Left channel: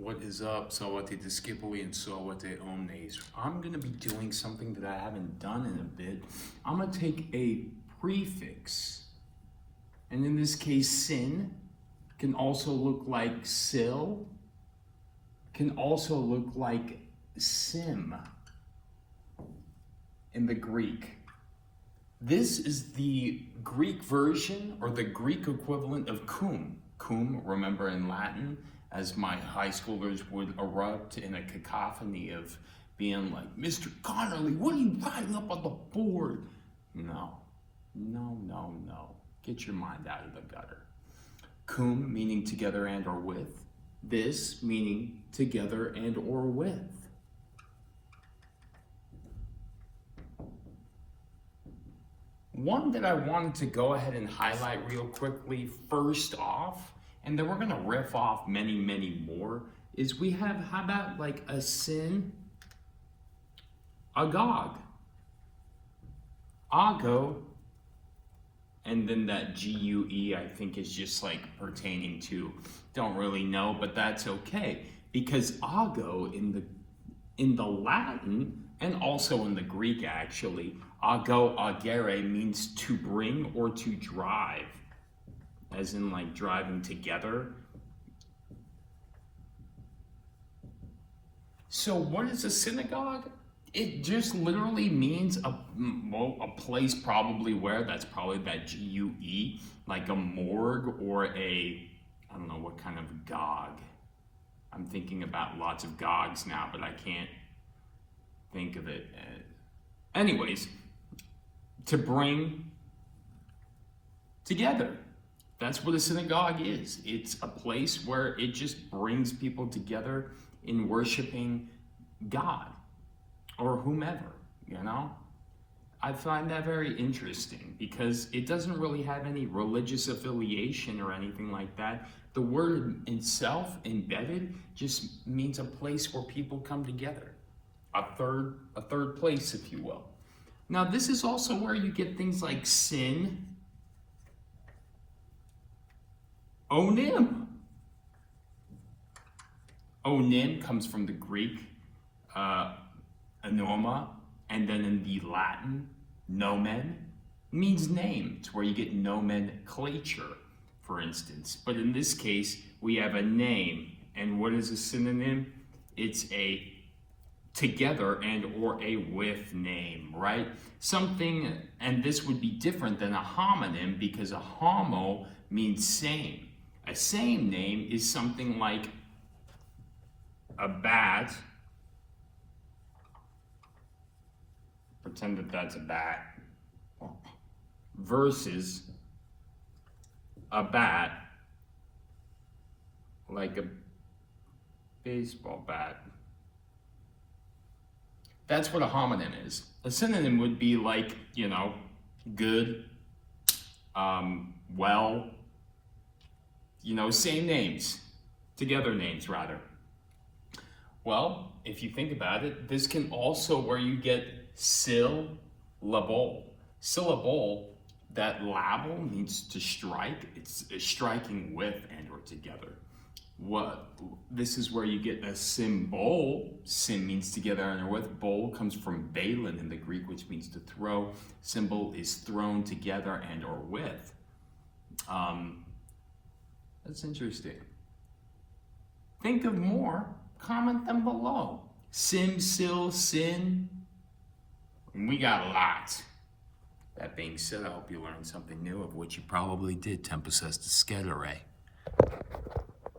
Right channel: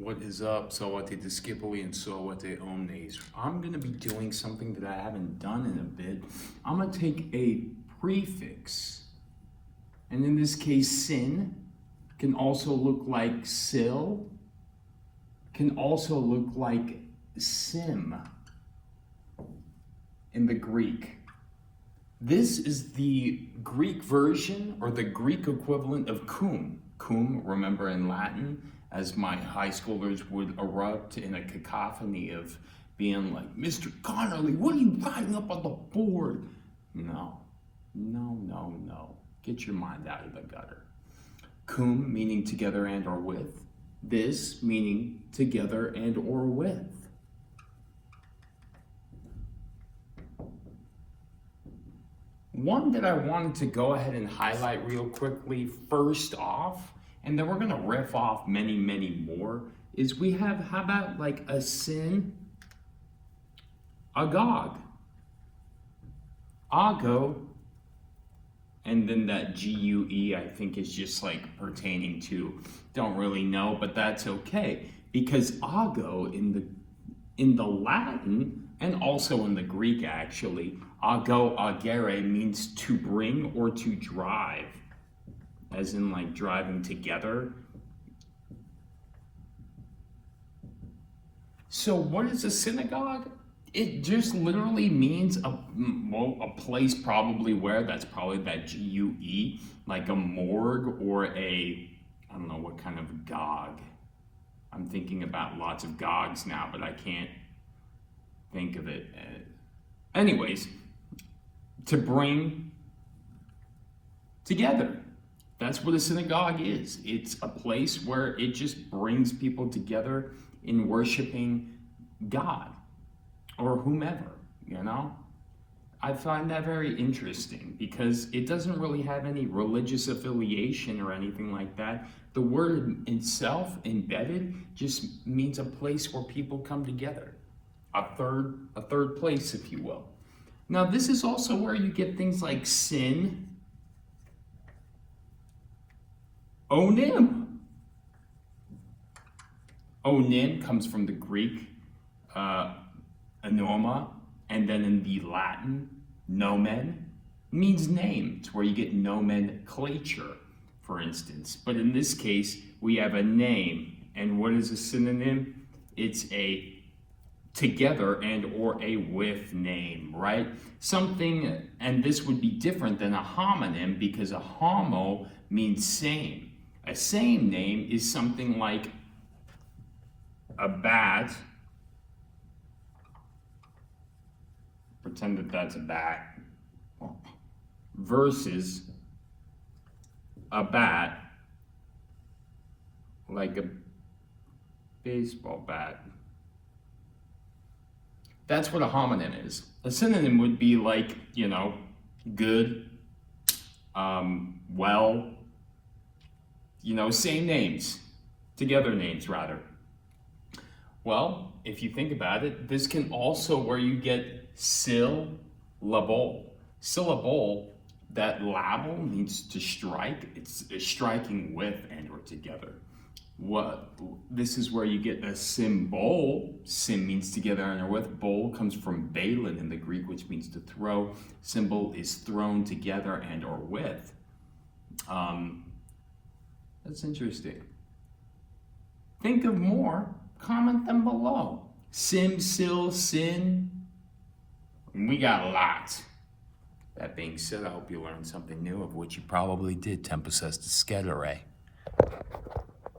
What is up? Sawate Discipoli and Sawate Omnes. I'm going to be doing something that I haven't done in a bit. I'm going to take a prefix, and in this case, sin can also look like sil, can also look like sim in the Greek. This is the Greek version or the Greek equivalent of cum. Cum, remember in Latin, as my high schoolers would erupt in a cacophony of being like, Mr. Connolly, what are you writing up on the board? No. Get your mind out of the gutter. Cum meaning together and or with. This meaning together and or with. One that I wanted to go ahead and highlight real quickly first off, and then we're going to riff off many more, is we have, how about like a sin, agog, ago, and then that GUE I think is just like pertaining to, don't really know, but that's okay, because ago in the Latin, and also in the Greek actually, ago, agere means to bring or to drive, as in like driving together. So what is a synagogue? It just literally means a place probably where, that's probably that GUE, like a morgue or a, I don't know what kind of gog. I'm thinking about lots of gogs now, but I can't think of it. Anyways, to bring together. That's what a synagogue is. It's a place where it just brings people together in worshiping God or whomever, you know? I find that very interesting because it doesn't really have any religious affiliation or anything like that. The word itself, embedded, just means a place where people come together. A third place, if you will. Now, this is also where you get things like sin, onim. Onim comes from the Greek anoma, and then in the Latin, nomen means name. It's where you get nomenclature, for instance. But in this case, we have a name. And what is a synonym? It's a together and or a with name, right? Something, and this would be different than a homonym because a homo means same. A same name is something like a bat, pretend that that's a bat, versus a bat like a baseball bat. That's what a homonym is. A synonym would be like, you know, good, well, you know, same names, together names rather. Well, if you think about it, this can also where you get syllable. Syllable, that label means to strike. It's striking with and or together. This is where you get a symbol. Sim means together and or with. Bol comes from balin in the Greek, which means to throw. Symbol is thrown together and or with. That's interesting. Think of more, comment them below. Sim, sil, sin. We got a lot. That being said, I hope you learned something new, of which you probably did. Tempus est discedere.